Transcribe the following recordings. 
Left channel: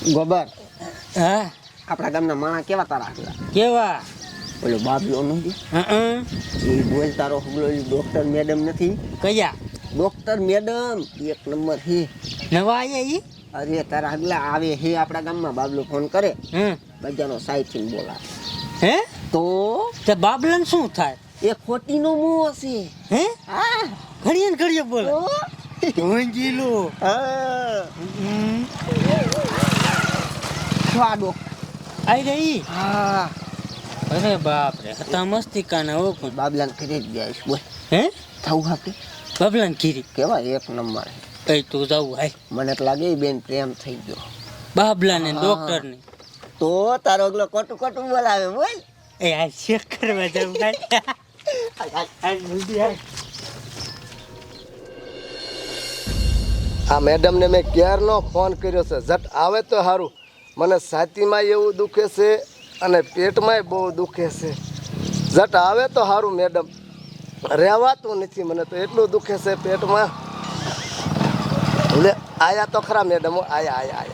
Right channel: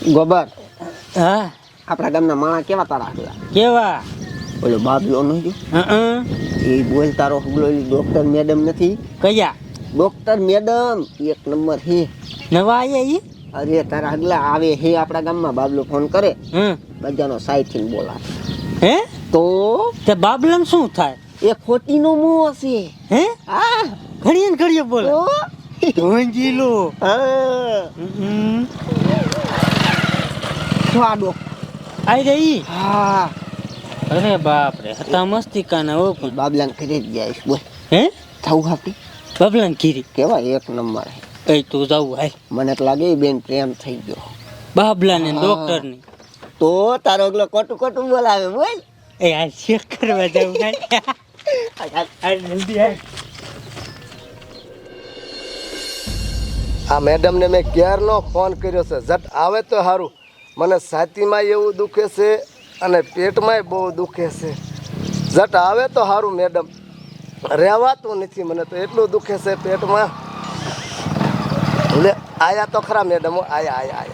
ગોબર હા આપણા ગામના માણા કેવા તારા હતા? કેવા ઓલો બાબલો નથી એ બોલ તારો ડોક્ટર મેડમ નથી? કયા ડોક્ટર મેડમ એક નંબર હે. નવા આયા ઈ અરે તારા આગલા આવે હે આપણા ગામમાં. બાબલો ફોન કરે હમ બજાનો સાઈડ થી બોલાવે હે તો તે બાબલાને શું થાય એ ખોટી નો મું હશે. હે હા ઘડીએ ને ઘડીએ બોલે તો ઢોંજી લો હા સ્વાડો આઈ રે ઈ હા અરે બાપ રે હતા મસ્તી કાના ઓ પણ બાબલાને ઘરે જ ગયા છે. બોલ હે થવું હાટી બાબલાને કીરી કેવા એક નંબર હે. કઈ તું જાવું હાય મને તો લાગે બેન પ્રેમ થઈ ગયો. બાબલાને હા. ડોક્ટર ને તો તારો ઓગલો કોટું કોટું બોલાવે બોલ. એ આ ચેક કરવા જાવ આ જલ્દી આય આ મેડમને મેં ક્યારનો ફોન કર્યો છે. ઝટ આવે તો સારું. મને છાતીમાં એવું દુખે છે અને પેટમાંય બહુ દુખે છે. ઝટ આવે તો સારું મેડમ. રહેવાતું નથી મને તો એટલું દુખે છે પેટમાં. લે આયા તો ખરા મેડમ. આયા આયા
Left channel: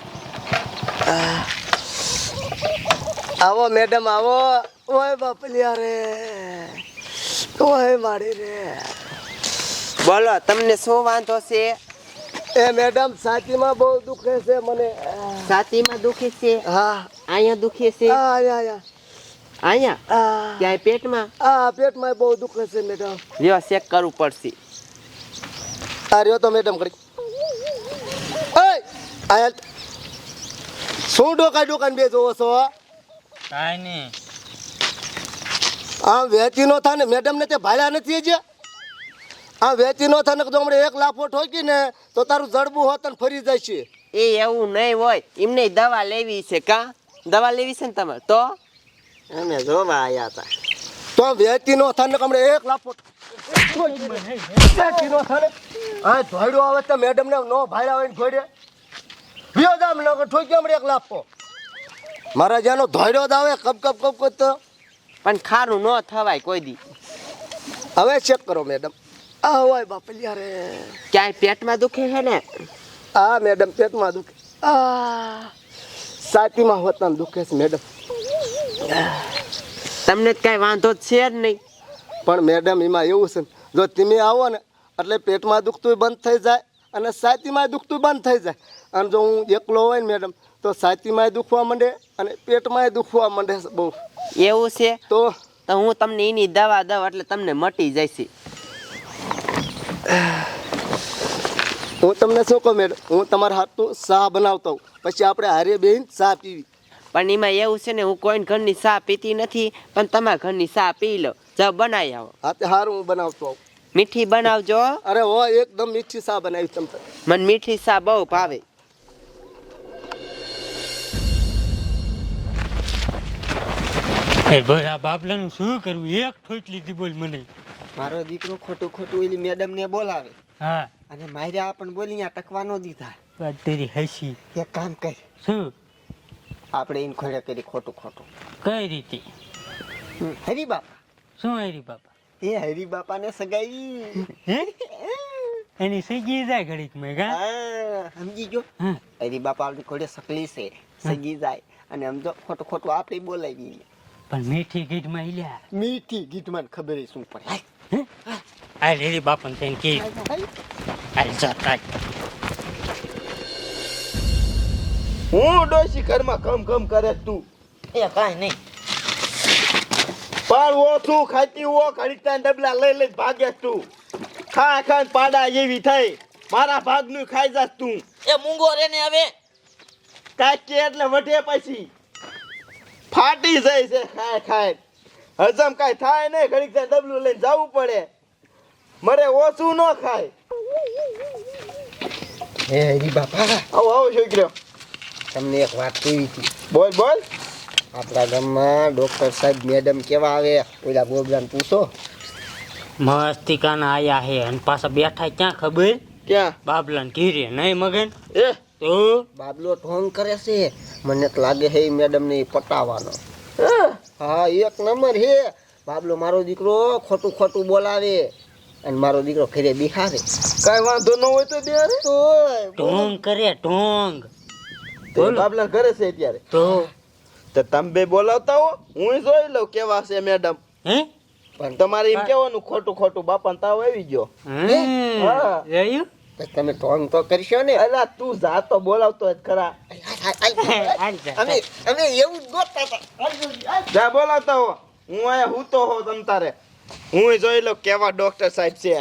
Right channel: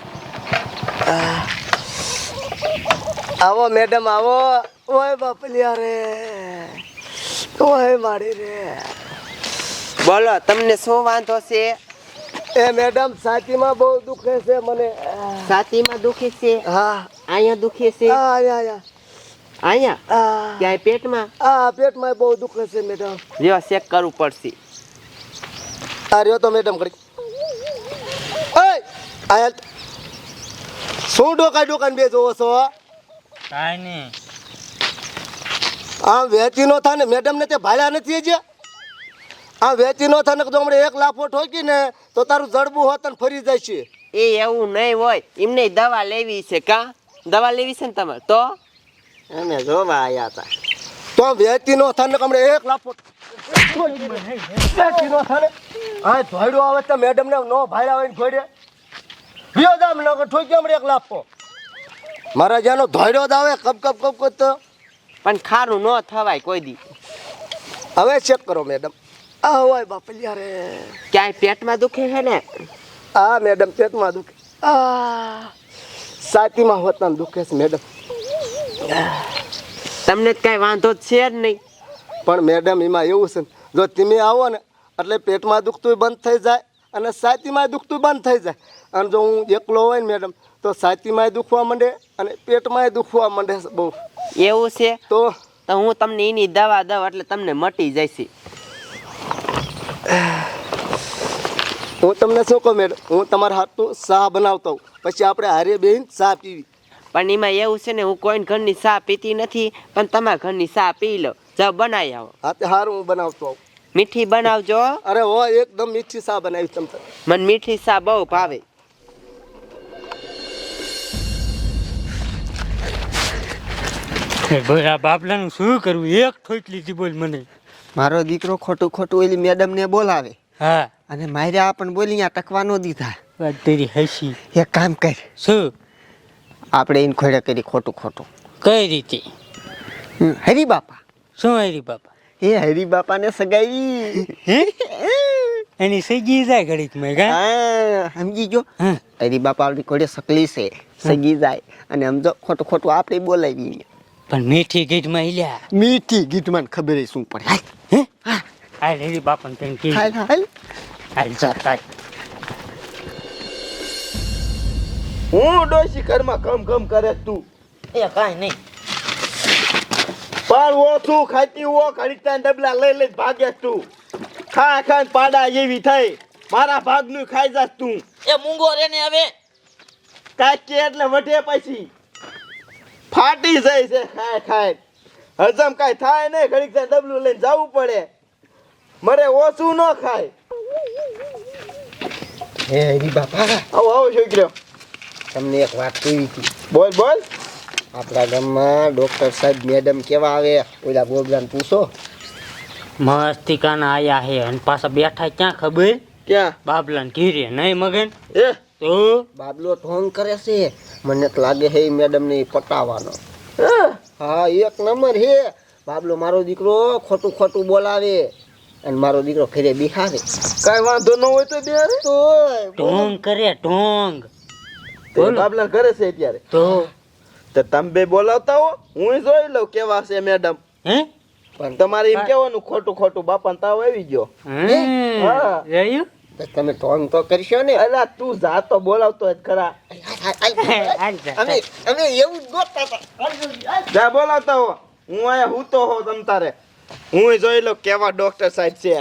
આયા આવો મેડમ આવો. ઓય બાપલિયા રે ઓય મારી રે. બોલો તમને શું વાંધો છે? એ મેડમ છાતીમાં બહુ દુખે છે મને. છાતીમાં દુખે છે? હા અહીંયા દુખે છે? આયા અહીંયા આ ક્યાંય પેટમાં? આ પેટમાં બહુ દુખે છે મેડમ. જો ચેક કરવું પડશે. આ રહ્યો તો મેડમ કરી. આયા શું ડોકાન બે જોવો છો? કાઈ નહીં આમ વેચી નો થાય ને મેડમ ને તે ભાડ્યા નથી હજી. આમ વેચી નો થાય ને તો હમણાં એક લાફો ઠોકી ને તો તારું જડબું હોત ને ફરી જાય છે. એ એવું નહીં હોય. એમને દવા લેવી છે. કા દવા લેવી છે ને તમારે? તો અમે જોવા આવ્યા હતા. તો વેચી નો થાય ને હમણાં એક લાફો વેચી નો થાય ને આ ધોડ્યો આવે તો મેડમ ને નો ભાડ્યા હોય ને ધોડે વિયો જામ ને ઠોકી હમણાં એક લાફો. મારા જ્યાંનો ધોડ્યો જ આવે કપ કપ કપ કપ તો પણ ખારું ન થવાય કોઈ દી. હવે ચેક કરો મેડમ. આ હોય બાપલિયા રે. ક્યાંય પેટમાં દુખે છે ને? આ મેડમ પેટમાં દુખે. આ છાતીમાં હોતા દુખે છે મેડમ. તમને જ કાંઈ વાંધો જ છે જ નહીં. પણ મેડમ એમાં એવું છે ને, જો તમે આવો ને એટલે પેટમાં દુખતું બંધ થઈ જાય અને છાતીમાં દુખતું બંધ થઈ જાય. અને જો હું એકલો હોય ને મેડમ તો છાતીમાં દુખવા માંડે અને પેટમાં દુખવા માંડે છે બહુ. એવું છે તો તો હું તમને એની દવા દઉં એટલે તમને મટી જશે. હું તમને શું કહું મેડમ, હું તમારા હાથનું ચા બનાવતો હોઉં પછી આપણે હારે બેહીને ચા પીવી. પણ એમાં એવું છે ને, હું કોઈ ઘરની ચા પીતી નથી, પણ તમારા ઘરની ચા પી લો. જાઓ બનાવી આવો. હા તે સારું હું બનાવતો આવું. મીઠી બનાવજો. અરે હો એકદમ મીઠી ચા બનાવી તમને. મને મીઠી ચા બહુ ભાવે. એ બોલ આ બાબલાનું શું કરવું એક ઠોક લીધી બોલ મને. મારો દીકરો ખોટું ખોટું ઓલી મેડમ ને બોલાવે હા અને માર્યા પણ બોલી ત્યાં ટકવા ન દીધા. વાત તેરી હસી એક કામ કર, શું આપણે એને ખોડે કરી ખોટું ખોટું. કઈ રીતે હરી બાપા. શું આવી બાપા એ હરી બાપાને સગાવી. હે એની સગી જાય ઘડીકમાં કા હા, સમજી ગયો. હા હરી બાપા આપણી ઘોડે સકલી છે, સગી જાય અને સમજો ખોટું ખોટું આપણે બોલાવી. પણ મીઠી ગીતમાં હિલ્યા મીઠી ગીતમાં ખબર શું પડે. હે આ લેરી બાપાને કઈ કે હાલ હાલ. હાલ જતા હું ડોસી ઘરમાં કમ કમ કરે તું એ કાંઈ નહીં. પણ ઓછું ખાતી હો ઘડીક ત્યાં ડબલા લઈ લઈ ભાગે તું. ખા ખા ને પાડા જેવી થઈ. મારા ભાગનું ખાઈ જાસ તું. એ મૂંગો રે ને હવે. કાચી એટલે વઢે પછી ફાટી જાય છે ખાય ખાય. હજમ કાંઈ થાય નહીં. ઘડીક ત્યાં ડબલું લઈને જવું પડે. મરે ઓછું ન ખાય. હે હરી બાપા, આવો આવો છોકરો. તમને એક વાત કહી હતી. બોલ બોલ. આપણા ગામમાં ડોક્ટર સાહેબ મેડમ કેવા આવે? ઓલા ગોબરાને પૂછો. મસ્તી કાના આયા હે અને પાછા બેઠા ક્યાં ખબર ક્યાં? બાબલાને ઘીરે નહીં મગન એ તો બાબલો ઢોંગ કરે છે. મને તો લાગે છે મેડમ ને પટાવવાનો. હા. હા એક નંબર હે. બાબલો મારો દીકરો ખોટું ખોટું બોલાવે અને મારો દીકરો ઘરે બિહારે. કાંઈ વાંધો ન હોય તો બે તો ઢોંગ કરે ઢોંગ બોલો. બાબલા ઘરે છે અત્યારે તો તમે બે બોલાવતા હો હું જોઈ લઉં કેવા છે મેડમ હે તમારે એમ કેવાનું ખોટું ખોટું બાપાને તાવ આવી ગયો હા. રહ્યું તો તમે ઢોંગ તો કરશો ને. અલા તું જા તો બોલાવતો જ ખરા અમે એવું જ ગોતતા હતા. જા બોલાવતા હો હું આયા હું તો હો તમ તારે હું જોઈ લઉં કેવા ડોક્ટર સાહેબ છે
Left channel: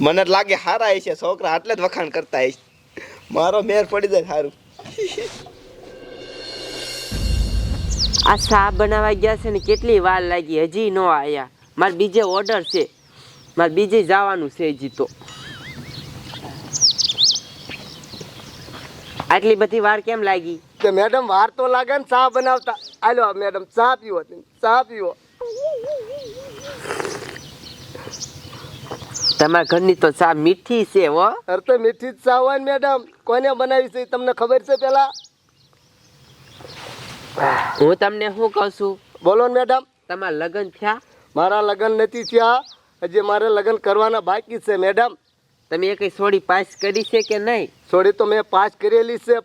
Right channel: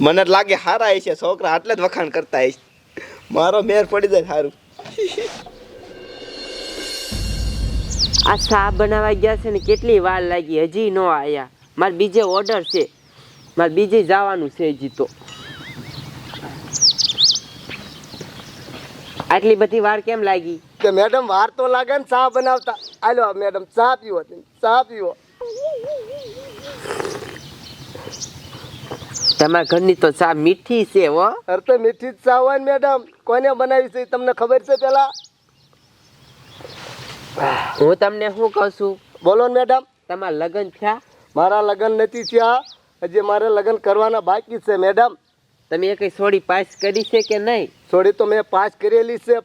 મને લાગે હારા છે છોકરા આટલે જ વખાણ કરતા હશે મારો મેર પડી જાય સારું આ સા બનાવવા ગયા છે ને કેટલી વાર લાગી હજી ન આયા મારે બીજે ઓર્ડર છે મારે બીજે જવાનું છે હજી તો આટલી બધી વાર કેમ લાગી કે મેડમ વાર તો લાગે ને ચા બનાવતા. આલો મેડમ ચા પીવો તમે, ચા પીવો. તમારા ઘરની તો ચા મીઠી છે હો અરે તો મીઠી જ ચા હોય ને મેડમ. કોને બનાવી છે એ તમને ખબર છે પેલા? હું તમને શું કહું છું બોલો ને મેડમ. તમારા લગ્ન થયા મારા લગ્ન નથી થયા, હજી મારે લગ્ન કરવાના બાકી છે મેડમ. તમે એ કઈ સોડી પાસ કરી છે કે નહીં થોડી તો મેં પાસ કરેલી છે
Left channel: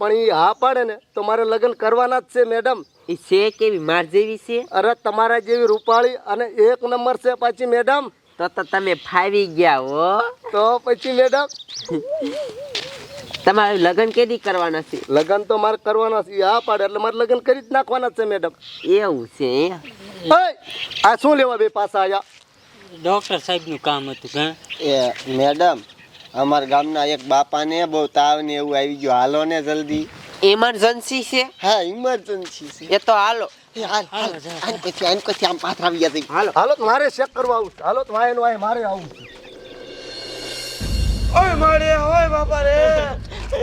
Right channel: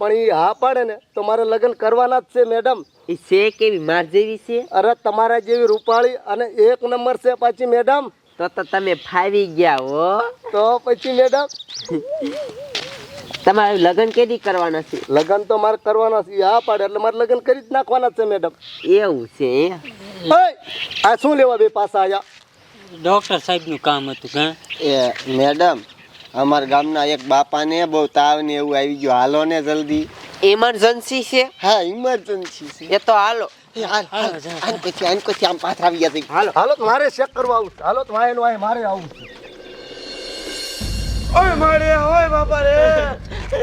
પણ એ હા પાડે ને તો મારે લગ્ન કરવાના જ છે મેડમ. એ છે કેવી માર જેવી છે અરે તમારા જેવી રૂપાળી અને એક નંબર છે પાછી મેડમ. તો તમે ફાવી ગયા હો તો પછી મેડમ તમારે લગ્ન કેદી કરવાના છે લગ્ન તો મારે કરવાના છે. હા પાડે એટલે મારે લગ્ન કરી જ નાખવાના છે મેડમ. એવું છે આ શું લેવા બે પાછા આયા? ડોક્ટર સાહેબનું કામ હતું કાં એ મેડમ અમારા ગામના એક બાપાને બહુ તાવ ને એવું આવી ગયું, હાલો ને જલ્દી. ઇમરજન્સી છે હા ઇમરજન્સી છે. એ તો હાલો આન પછી આમ પાછળ આવી ગયા છે. હાલો હાલો તો મારે ચેક કરવા આવું છે. હાલો તો વાયન વાય મારે આવું છે. ઓય મારે ઓય બાપા રે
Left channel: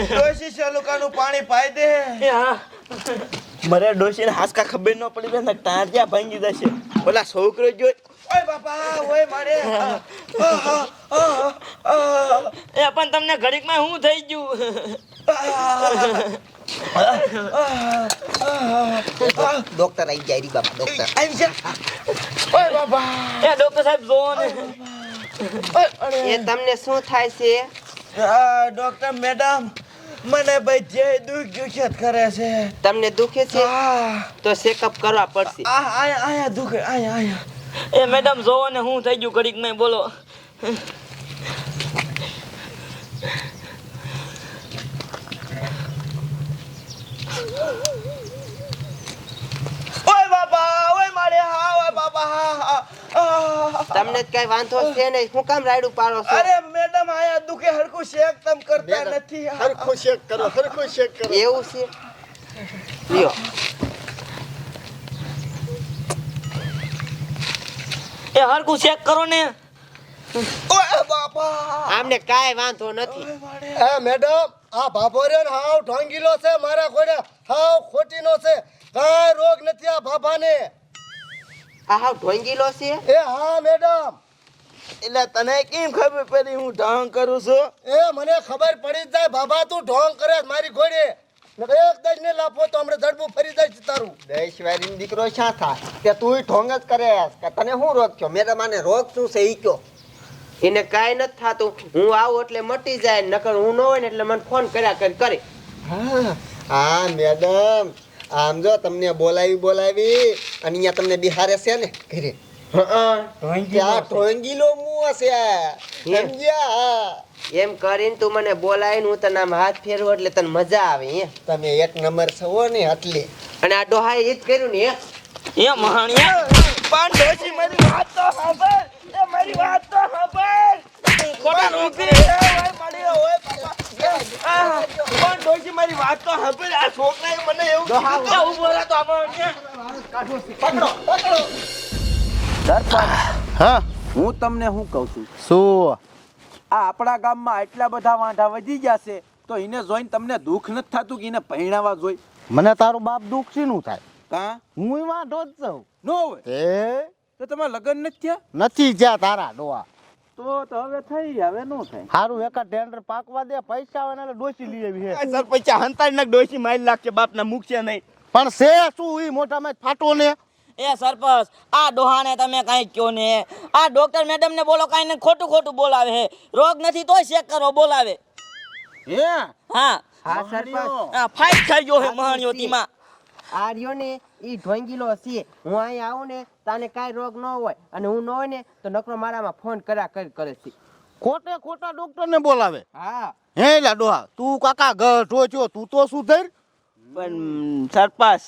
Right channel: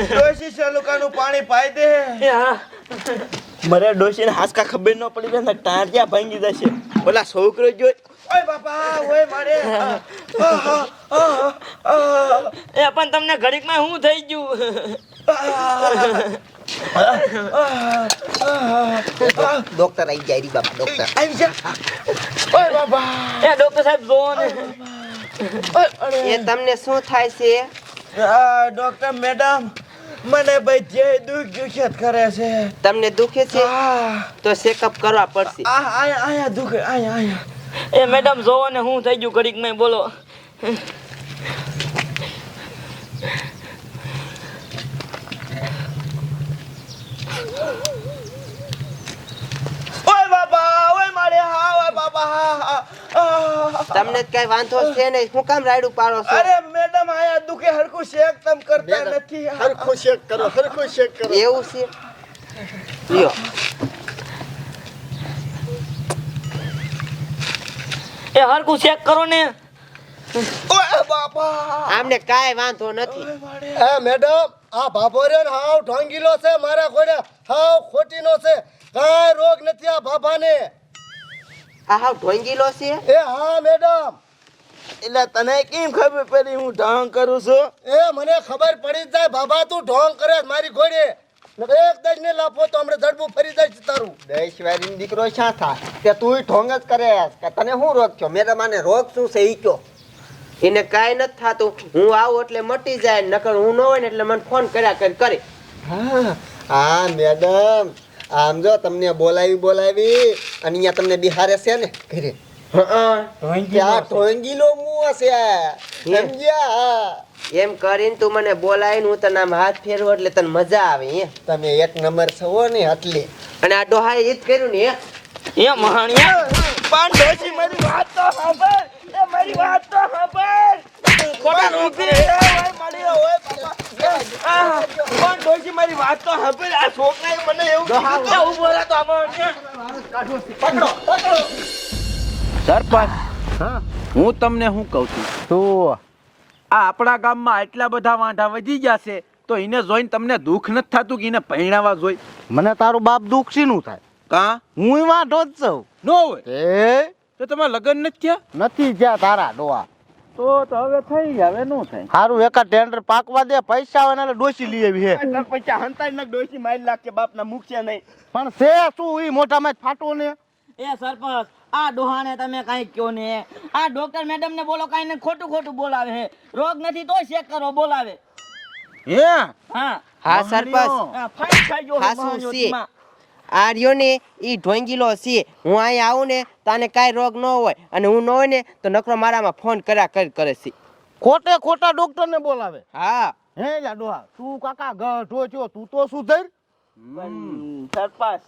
ડોશી ચાલુકાનું પાણી પાઈ દે મરે ડોશીને હાસકા ખબર ન પડી જાય ને ટાંટિયા ભાંગી જશે ઓલા છોકરો ગયો ઓય બાપા ઓય મારે એ પણ તમને ઘડીકમાં શું થઈ ગયું ડોક્ટર આવી જાય બાપા, ડોક્ટર આવી જા ઓય બાપા એ ડોક્ટર સાહેબ જોવો ને એ તમને શું થાય છે ડોક્ટર મેડમ મને ભાઈ જે દુખ્યા કરે છે તમને દુખે છે તો ચેકઅપ કરવા પડશે આયા દુખે આયા એ મેડમ જોવો ને શું થઈ ગયું ઘડીકમાં બોલો ઓય બાપા ઓય મારે હા ઓય બાપા હા તમને કઈ વાંધો છે નહીં શું કામ રાયડું પાડો છો અરે મેડમ આયા દુખે હરખું શેક તમ કરતા નથી હરખું ચેક કરો, હરખું ચેક કરો. એવું છે લ્યો એ હરકું ચેક કરો ને ઓય બાપા આમને કાંઈ વાંધો નથી એ મેડમ આ ભાભો રે ને હાવ ઢોંગીલો છે મારા ઘોડે, હાવ ખોટીનો છે. કાંઈ રોગ નથી આ ભાભાને. આ હાવ ઢોંગીલો છે એ હા મેડમ. એટલે તને કેમ ખબર પડી હું ઢોંગ કરું છું એ મને ખબર પડી જ જાય ભાભા તું ઢોંગ કરે છે મારી ઘોડે. નકર એક દજ ને લાફો તો હમણાં જડબું ફરી જાય છે તારું. દેશવારીનો દીકરો શા થાય કે તું ઢોંગ જ કરે કે તને શું રોગ છો? મેડમ આને રોગ શું છે ઈ કયો. એને કાંઈ નથી થાતું હું આવું એટલે મટી જાય નકર હું ન હોય ને એટલે મને ફોન કર્યા કરે હા હા મેડમ આમ જો તમને બોલાવી અને અહીંયા તમને બિહારે છે ને ઘરે ત્યાં ઢોંગીલો મું હશે સમજ્યા? એમ કરીને તું મને બોલાવીને હું તને આમ હાથ ફેરવું એટલે તને મજા આવે હે તમે એક નંબર છો ને એટલે. અને આ ડોહાએ ઈ જ કર્યું ને હે એ મહાણિયા પણ ડોશી મારી વાત તો સાંભળ એ મારી વાત તો સાંભળ ખોટા રોગ કરે ઓય મારી ઓય બાપા પણ ડોશી મારી વાત તો સાંભળ આ છોકરાએ મને એવું કીધું કે ઉભો રહે તો આપણે પકડો સરપંચ હા હું તમને શું કહું છું શું આ આપણા ગામમાં આટલા બધા વાંઢા વધી ગયા છે તો એને જોઈને તમને દુઃખ નથી થતું કે એને પહેણાવા જોઈ મને તારું બાપ દુઃખ શીનું થાય? કા હું વાંઢો જ છું. ન હોય એ તો તમારા લગ્ન નથી થયા નથી જ્યાં તારા ડોહા. તો હવે થઈ ગયા હવે નો થાય હારું એકા ટેન્ડર પાકવા દે, પૈસા આવે ને એટલે ડોસી લઈ આવી હે. સરપંચ હંતાડી નાખ ડોશી મારી લાગશે બાપના મૂકશે નહીં પણ છે શું ઈ મોઢામાં ફાટો ને? એ સરપંચ આ ડોહાને તમે કાંઈ કયો ને આ ડોક્ટર મેડમ ને બોલો કાંઈ ને ખોટું બોલાવે હે રોગ નથી તોય ચેક કરો બોલાવે હે હા હા સરપંચ આ ફાઇટ થઈ ગયો હાસુ મહાણ્યો છે. ધીમા. આ રહ્યો ને ઈ ઢોંગીલો છે. હું અહીંયા આવું ને તાને કાંઈ રોગ ન હોય અને હું ન હોય ને તો નકરો મારામાં ફોન કર્યા કરે છે. ખોટે ખોટા ડોક્ટર ને બોલાવે હા હે લા ડોહા તું કાકા ગઢો છો તું તો સુધર પણ સરપંચ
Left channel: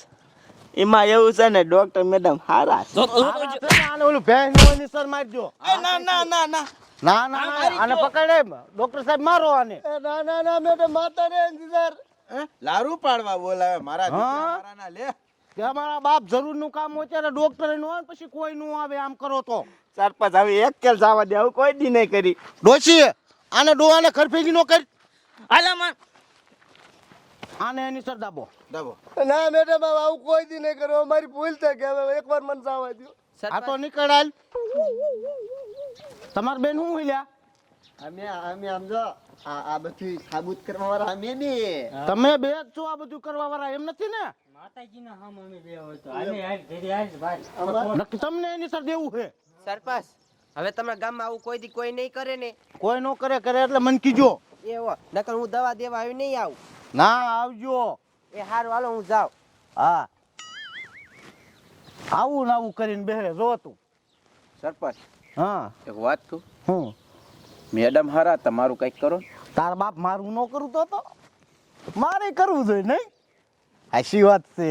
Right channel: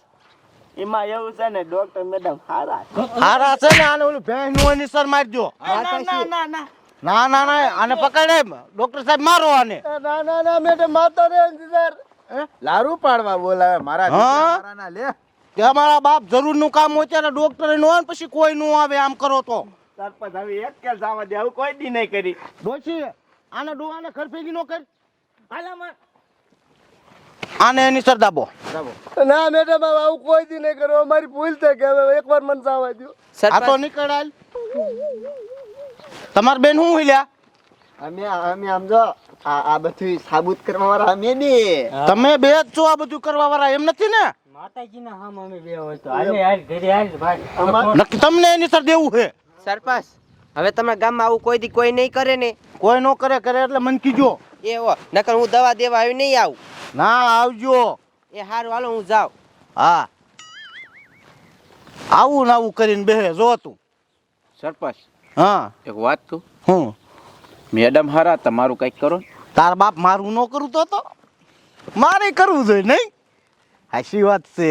એમાં એવું છે ને ડોક્ટર મેડમ હારા છે. હારા છે ને આને ઓલું ભેંસ નું એની મારજો ના ના ના ના ના ના ના આને પકડે ડોક્ટર સાહેબ મારો આને ના ના ના મેડમ માતા રે ઇંતજાર લારું પાડવા બોલાવે મારા હા? દીકરા મારાના લે. કે અમારા બાપ જરૂર નું કામ હોય ત્યારે ડોક્ટર નો આવે ને પછી કોઈ નું આવે આમ કરો તો સરપંચ હવે એક કેલ જવા દે હવે કોઈ દી નહીં કરી. ડોશી આને ડોહાને ખરફેગી નો કર હાલા મન આને એની સર દાબો ના મેડમ હવે આવું કોઈ દી નહીં કરો અમારી ભૂલ થઈ ગઈ હવે એકવાર મને જવા દો આ તો નીકળ હાલ તમાર બેન હું હિલ્યા અમે આમ જો આ બધું સાબુત કરવા વાળા અમે ને તમે બે જ છો આ બધું કરવા વાળા એમ નથી ને માતાજીના હામ અમે બે હોય તો હાલે હાલ ઘરે હાલ ભાઈ નક્કી તમને એની સર દેવું છે સરપંચ હવે તમારા ગામમાં આવું કોઈ દી કોઈ નહીં કરે ને કોઈ નો કરે કરે એટલે મન કીજો એવો નકર હું દવા દેવા આવી નહીં આવું. ના આવજો એ હારું હાલો હું જાઉં. હા આવું ને આવું કરીને બેહે જો તું સરપંચ હા એક વાત કહું હું મેડમ હારા તમારું કંઈક કરો ને. તાર બાપ મારું ન કરું તો મારે કરવું જોઈએ નહીં હાચી વાત છે